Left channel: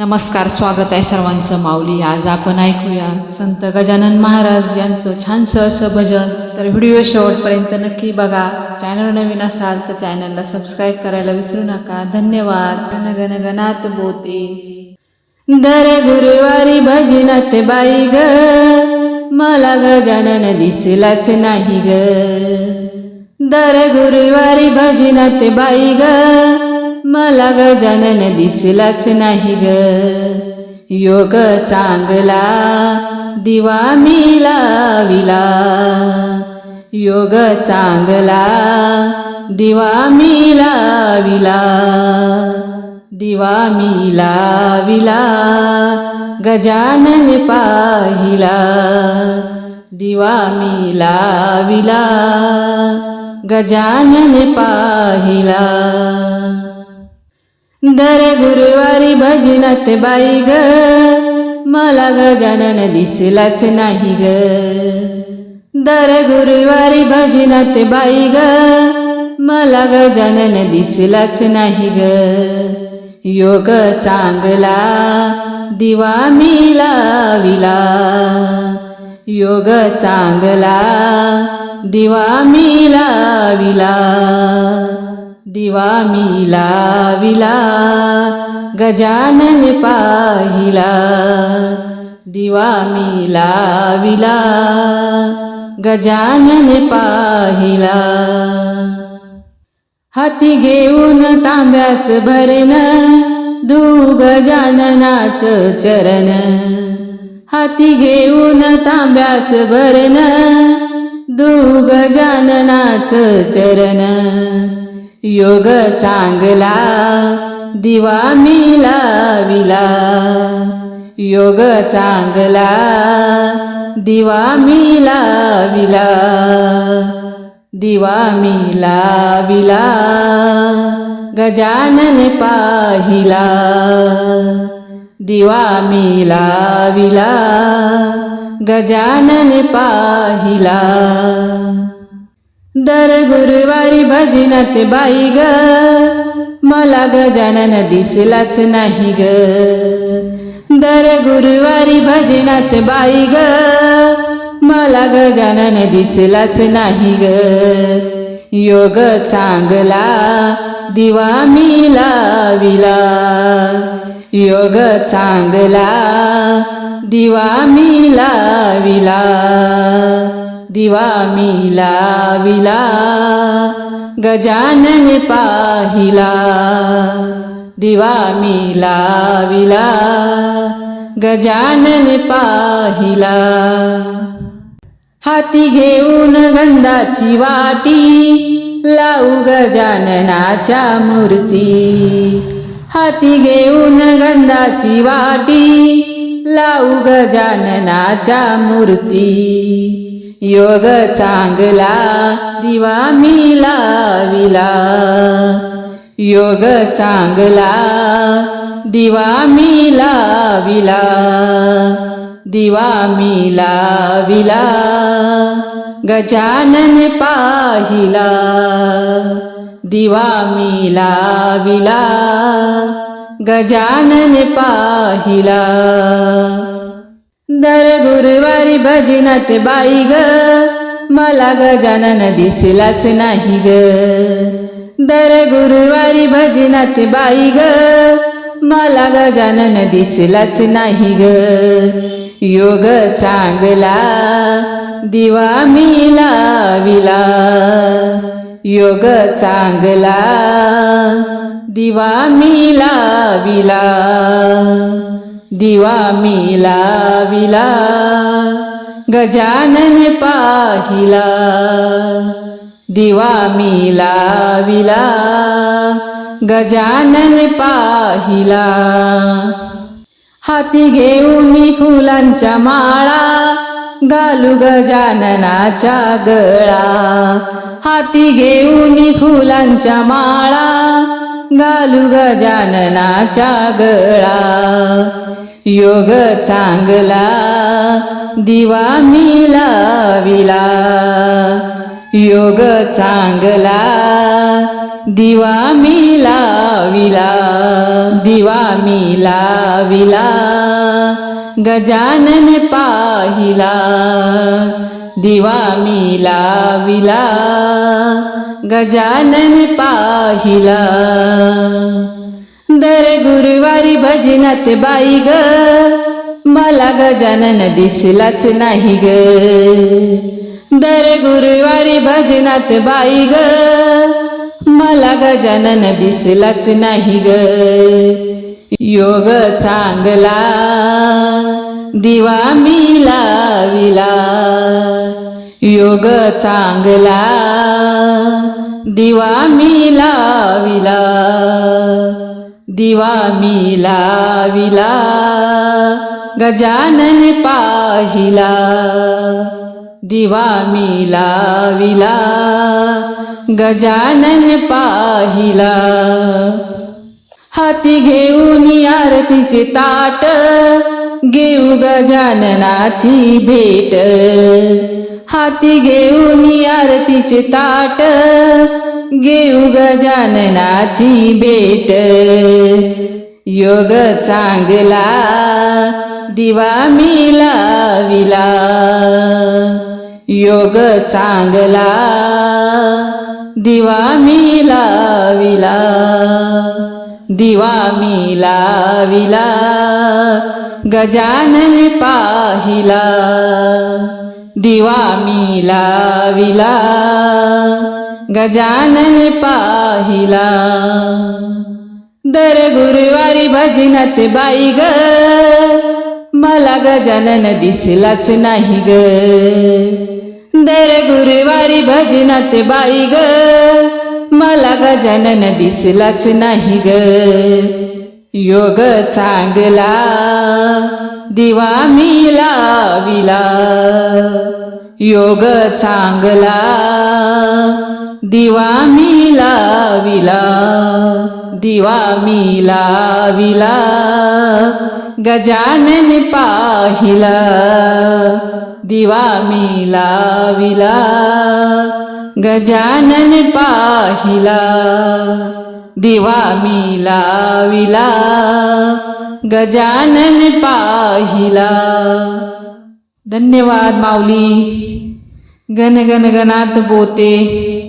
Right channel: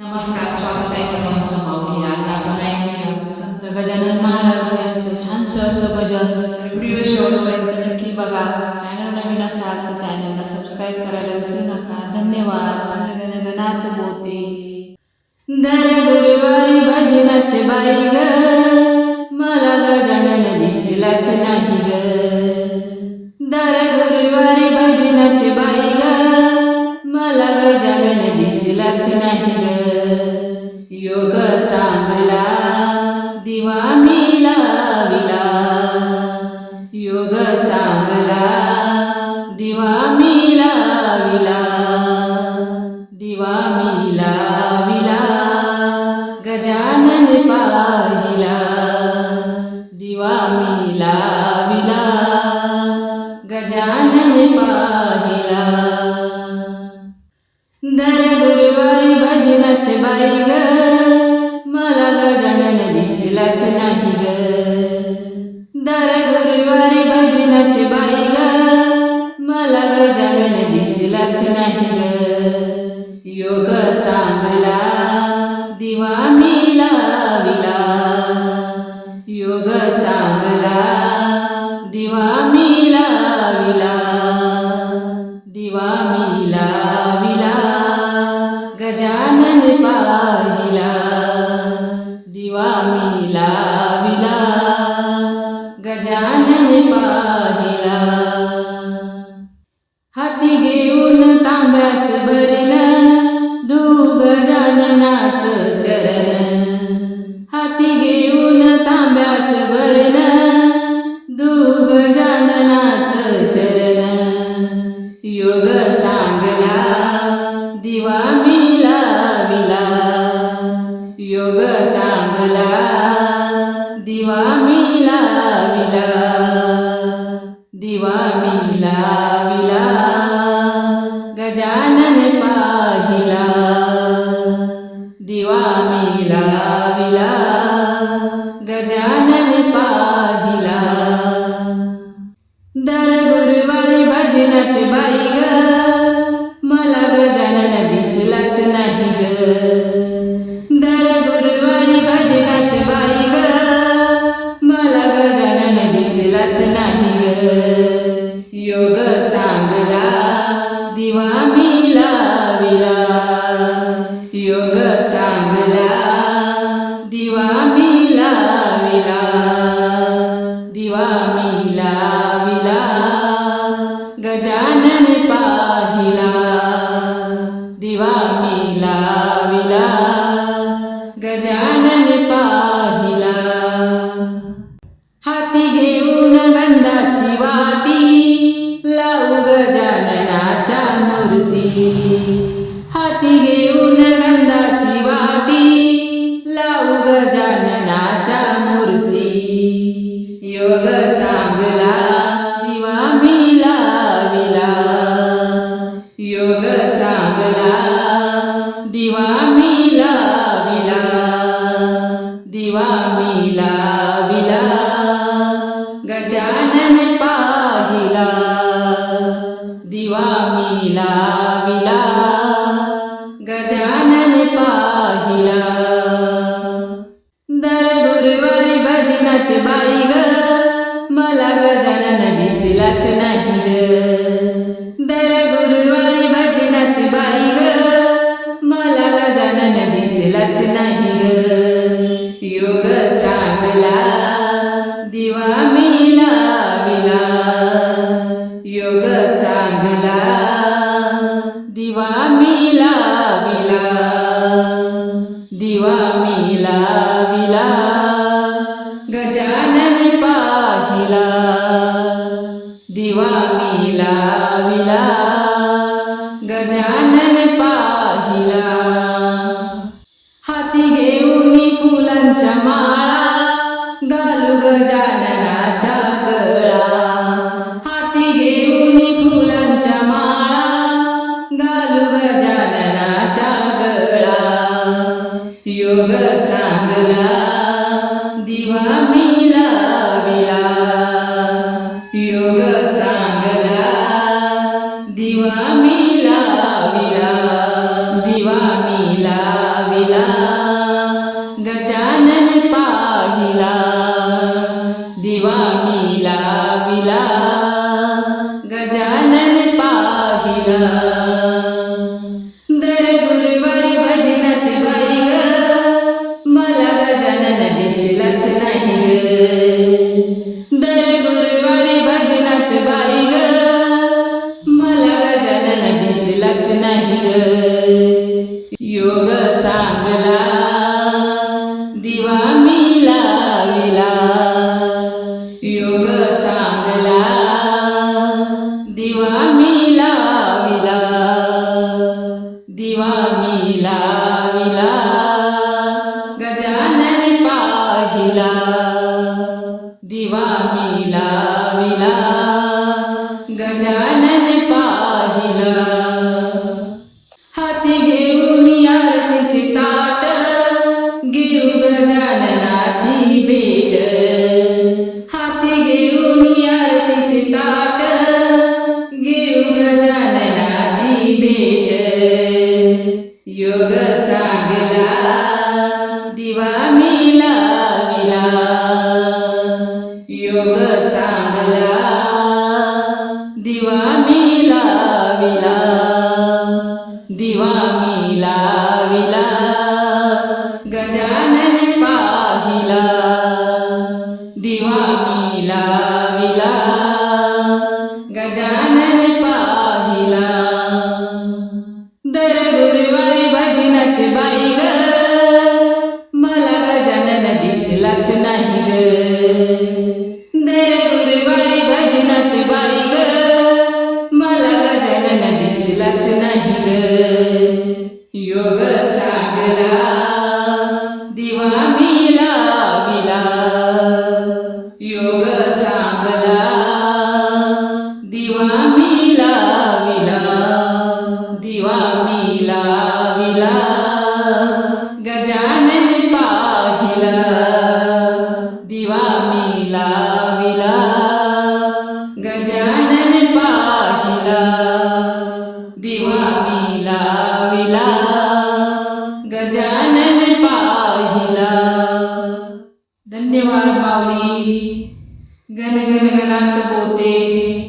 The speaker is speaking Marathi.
नमस्कार स्वागत आहे सर्वांचं. माऊली आज आपण ऐकूया संत गजानन महाराज यांचं छानसं असं भजन. तर व्हिडिओ शेवटपर्यंत नक्की बघा. चॅनल नवीन असाल तर चॅनलला सबस्क्राईब करायला विसरू नका. धन्यवाद. गण गणात बोते. दर गुरुवारी भजनात बाई ग. मला गजानन दिसलाच नाही ग. दर गुरुवारी भजनात बाई ग. मला गजानन दिसलाच नाही ग. योग चांगला दिवा मी लाविला योग चांगला दिवा मी लाविला दिवा मी लाविला गजानन पाहिला. दिवा मी लाविला गजानन पाहिला. दर गुरुवारी भजनात बाई ग. मला गजानन दिसलाच नाही ग. दर गुरुवारी भजनात बाई ग. मला गजानन दिसलाच नाही ग. योग चांगला दिवा मी लाविला योग चांगला दिवा मी लाविला दिवा मी लाविला गजानन पाहिला. दिवा मी लाविला गजानन पाहिला. हाती घेऊन तांब्याच भरण दू गजाननाच चरण. हाती घेऊन तांब्याच भरण दू गजाननाच चरण. योग चांगला दिवा मी लाविला. योग चांगला दिवा मी लाविला. दिवा मी लाविला गजानन पाहिला. दिवा मी लाविला गजानन पाहिला. दर गुरुवारी भजनात बाई ग. मला गजानन दिसलाच नाही ग. दर गुरुवारी भजनात बाई ग. मला गजानन दिसलाच नाही ग. योग चांगला दिवा मी लाविला योग चांगला दिवा मी लाविला दिवा मी लाविला गजानन पाहिला. दिवा मी लाविला गजानन पाहिला. हाती घेऊन गंधाची वाटी लावू गजाननाच्या मूर्ती. हाती घेऊन गंधाची वाटी लावू गजाननाच्या मूर्ती. योग चांगला दिवा मी लाविला. योग चांगला दिवा मी लाविला. दिवा मी लाविला गजानन पाहिला. दिवा मी लाविला गजानन पाहिला. दर गुरुवारी भजनात बाई ग. मला गजानन दिसलाच नाही ग. दर गुरुवारी भजनात बाई ग. मला गजानन दिसलाच नाही ग. योग चांगला दिवा मी लाविला योग चांगला दिवा मी लाविला दिवा मी लाविला गजानन पाहिला. दिवा मी लाविला गजानन पाहिला. हाती घेऊन फुलांच्या माळा घालू गजाननाच्या गळा. हाती घेऊन फुलांच्या माळा घालू गजाननाच्या गळा. योग चांगला दिवा मी लाविला. योग चांगला दिवा मी लाविला. दिवा मी लाविला गजानन पाहिला. दिवा मी लाविला गजानन पाहिला. दर गुरुवारी भजनात बाई ग. मला गजानन दिसलाच नाही ग. दर गुरुवारी भजनात बाई ग. मला गजानन दिसलाच नाही ग. योग चांगला दिवा मी लाविला. योग चांगला दिवा मी लाविला. दिवा मी लाविला गजानन पाहिला. दिवा मी लाविला गजानन पाहिला. हाती घेऊन आरतीचे ताट घेऊ गजाननाची भेट. हाती घेऊन आरतीचे ताट घेऊ गजाननाची भेट. योग चांगला दिवा मी लाविला योग चांगला दिवा मी लाविला दिवा मी लाविला गजानन पाहिला. दिवा मी लाविला गजानन पाहिला. दर गुरुवारी भजनात बाई ग. मला गजानन दिसलाच नाही ग. दर गुरुवारी भजनात बाई ग. मला गजानन दिसलाच नाही ग. योग चांगला दिवा मी लाविला. योग चांगला दिवा मी लाविला दिवा मी लाविला गजानन पाहिला दिवा मी लाविला गजानन पाहिला दिवा मी लाविला गजानन पाहिला। धन्यवाद माऊली। गन गण बोते।